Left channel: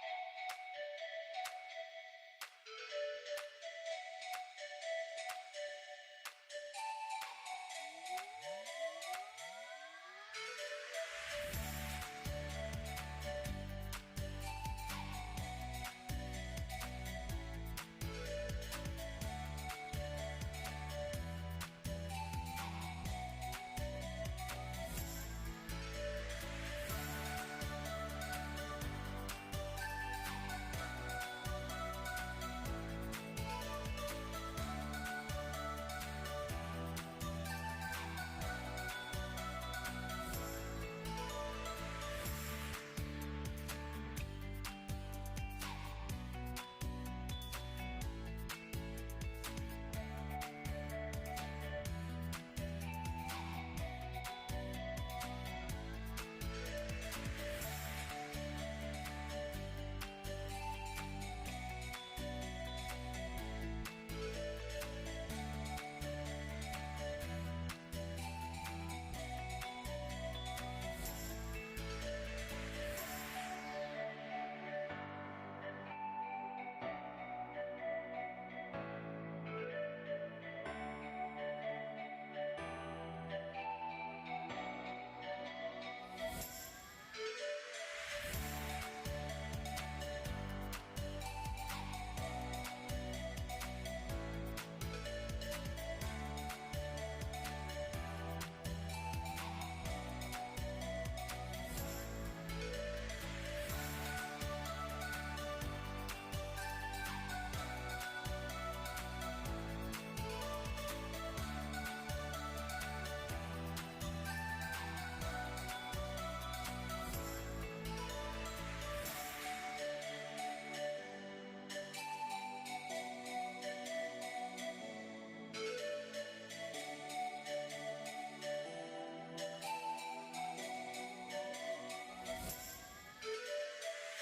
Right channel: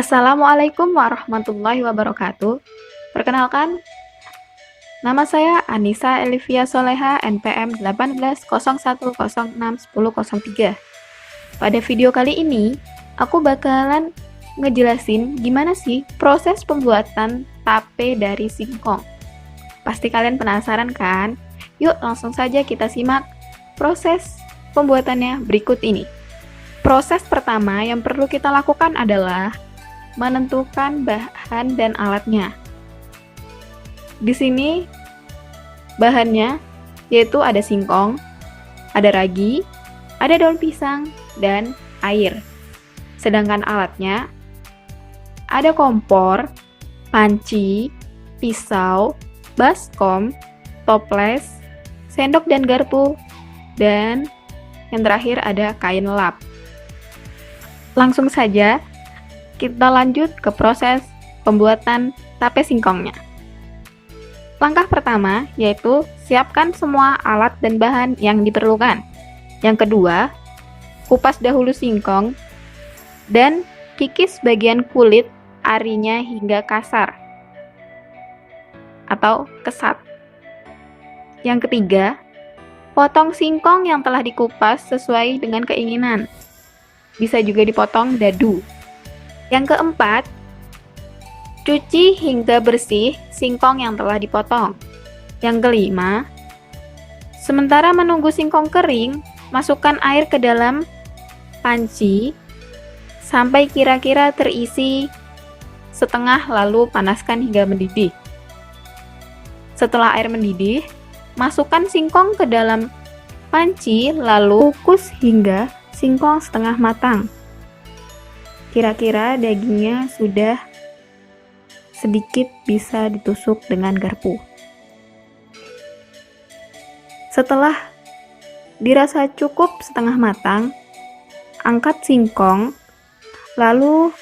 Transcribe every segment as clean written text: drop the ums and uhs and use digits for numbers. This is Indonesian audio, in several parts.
Assalamualaikum warahmatullahi wabarakatuh. Perkenalkan, nama saya Anissa Elivia Soleha, NPM 1801061003. Pada video kali ini, aku bakalan ngejelasin gimana sih proses pembuatan tape dari singkong. Pasti kalian penasaran kan? Yuk langsung saja kita simak proses pembuatannya berikut ini. Proses pertama yang perlu kita lakukan adalah menentukan bahan dan alatnya. Di sini bahannya yaitu ada singkong, ada ragi, ada daun pisang, dan air. Sedangkan alatnya ada kompor, panci, pisau, baskom, toples, sendok dan garpu, dan yang terakhir ada kain lap. Langsung saja kita lanjut ke proses pembuatan tape singkongnya. Langkah pertama yaitu siapkan semua alat dan bahan yang diperlukan. Yang kedua, kupas dahulu singkong dan kikis bagian kulit arinya hingga kasar atau kesat. Yang ketiga, potong singkong yang telah dikupas sesuai dengan keinginan. Bisa juga dipotong dadu. Yang keempat, cuci hingga bersih singkong yang telah dipotong. Yang kelima, sementara menunggu singkong kering, masukkan air ke dalam panci sampai kira-kira terisi setengah, lalu panaskan hingga mendidih. Setelah air mendidih, masukkan singkong ke dalam panci lalu kukus hingga singkong setengah matang. Kira-kira dagingnya sudah sedikit bisa ditusuk dengan garpu. Setelah dirasa cukup setengah matang, angkat singkong, lalu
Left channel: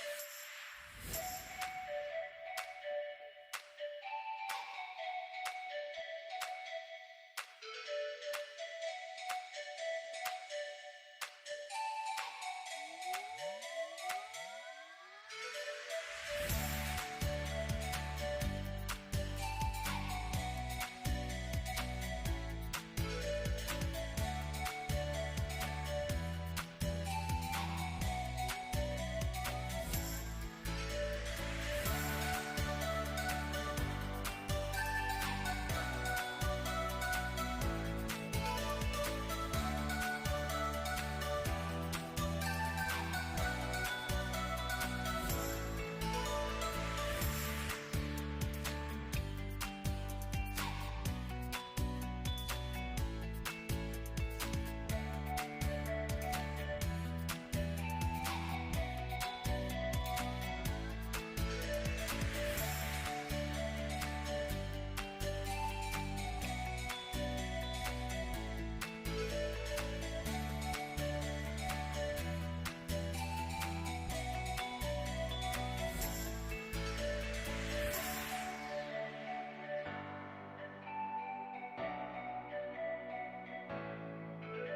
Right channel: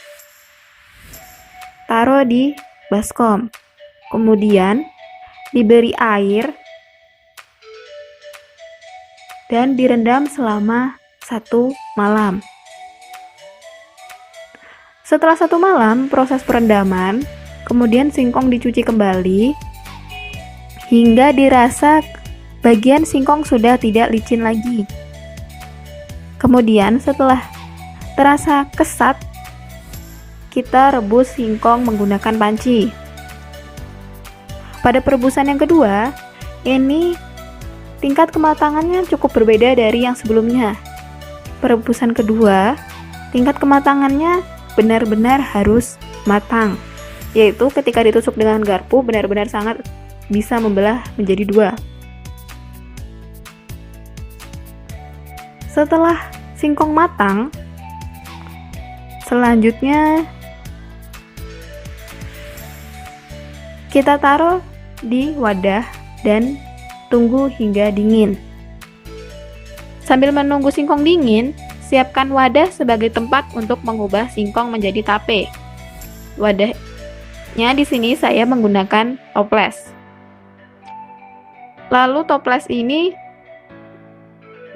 taruh di baskom. Kemudian diberi air dan direndam selama 1 malam. Setelah 1 malam proses perendaman, kemudian singkong dicuci kembali hingga dirasa bagian singkong sudah tidak licin lagi. Kemudian setelah terasa kesat, kita rebus singkong menggunakan panci. Pada perebusan yang kedua, ini tingkat kematangannya cukup berbeda dari yang sebelumnya. Perebusan kedua, tingkat kematangannya benar-benar harus matang, yaitu ketika ditusuk dengan garpu benar-benar sangat bisa membelah menjadi 2. Setelah singkong matang, selanjutnya kita taruh di wadah dan tunggu hingga dingin. Sambil menunggu singkong dingin, siapkan wadah sebagai tempat untuk mengubah singkong menjadi tape. Wadahnya di sini saya menggunakan toples. Lalu toples ini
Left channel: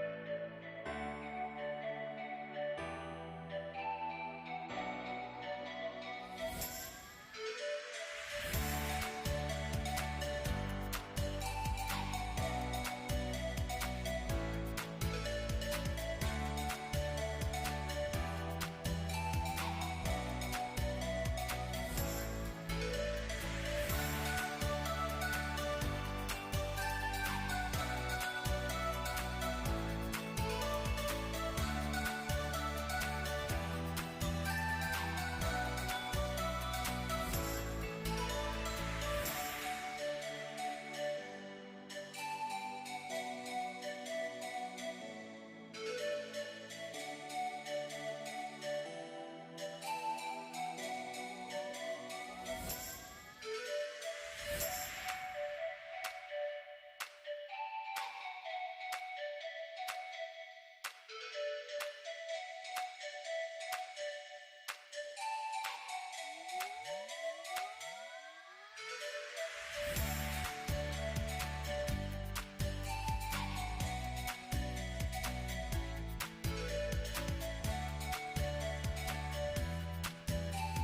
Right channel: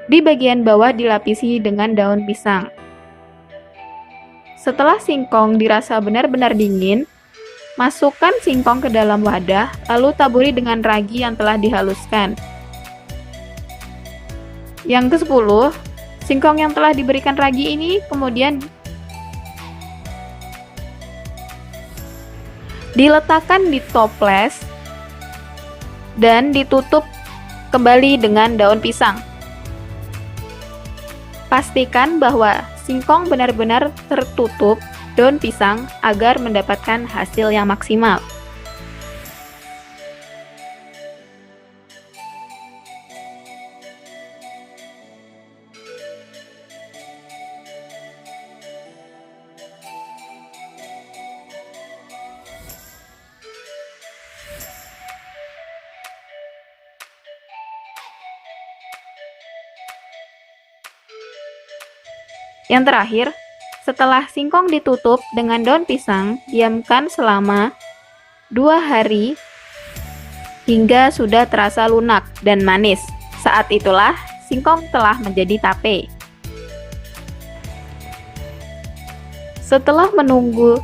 di bagian bawah dilapisi dengan daun pisang. Setelah singkong dirasa benar-benar dingin, masukkan singkong ke dalam wadah, lalu taburi dengan ragi yang telah dihaluskan. Yang ke-10, singkong yang telah diberikan ragi ini kemudian diletakkan di toples dan ditutup kembali dengan daun pisang. Pastikan bahwa singkong benar-benar tertutup daun pisang agar mendapatkan hasil yang maksimal. Yang terakhir, setelah singkong ditutup dengan daun pisang, diamkan selama 2 hari hingga sudah terasa lunak dan manis. Saat itulah singkong telah menjadi tape. Setelah menunggu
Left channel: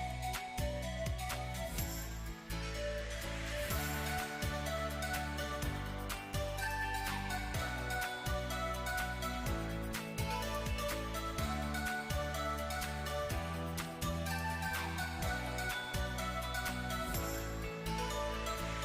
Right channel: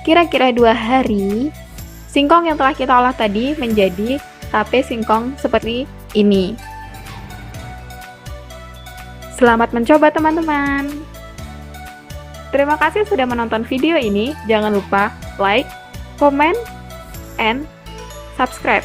Kira-kira 2 hari, singkong yang telah kita olah tadi menjadi tape singkong seperti ini. Selamat mencoba teman-teman. Terima kasih sudah menonton video ini. Jangan lupa like, comment, and subscribe.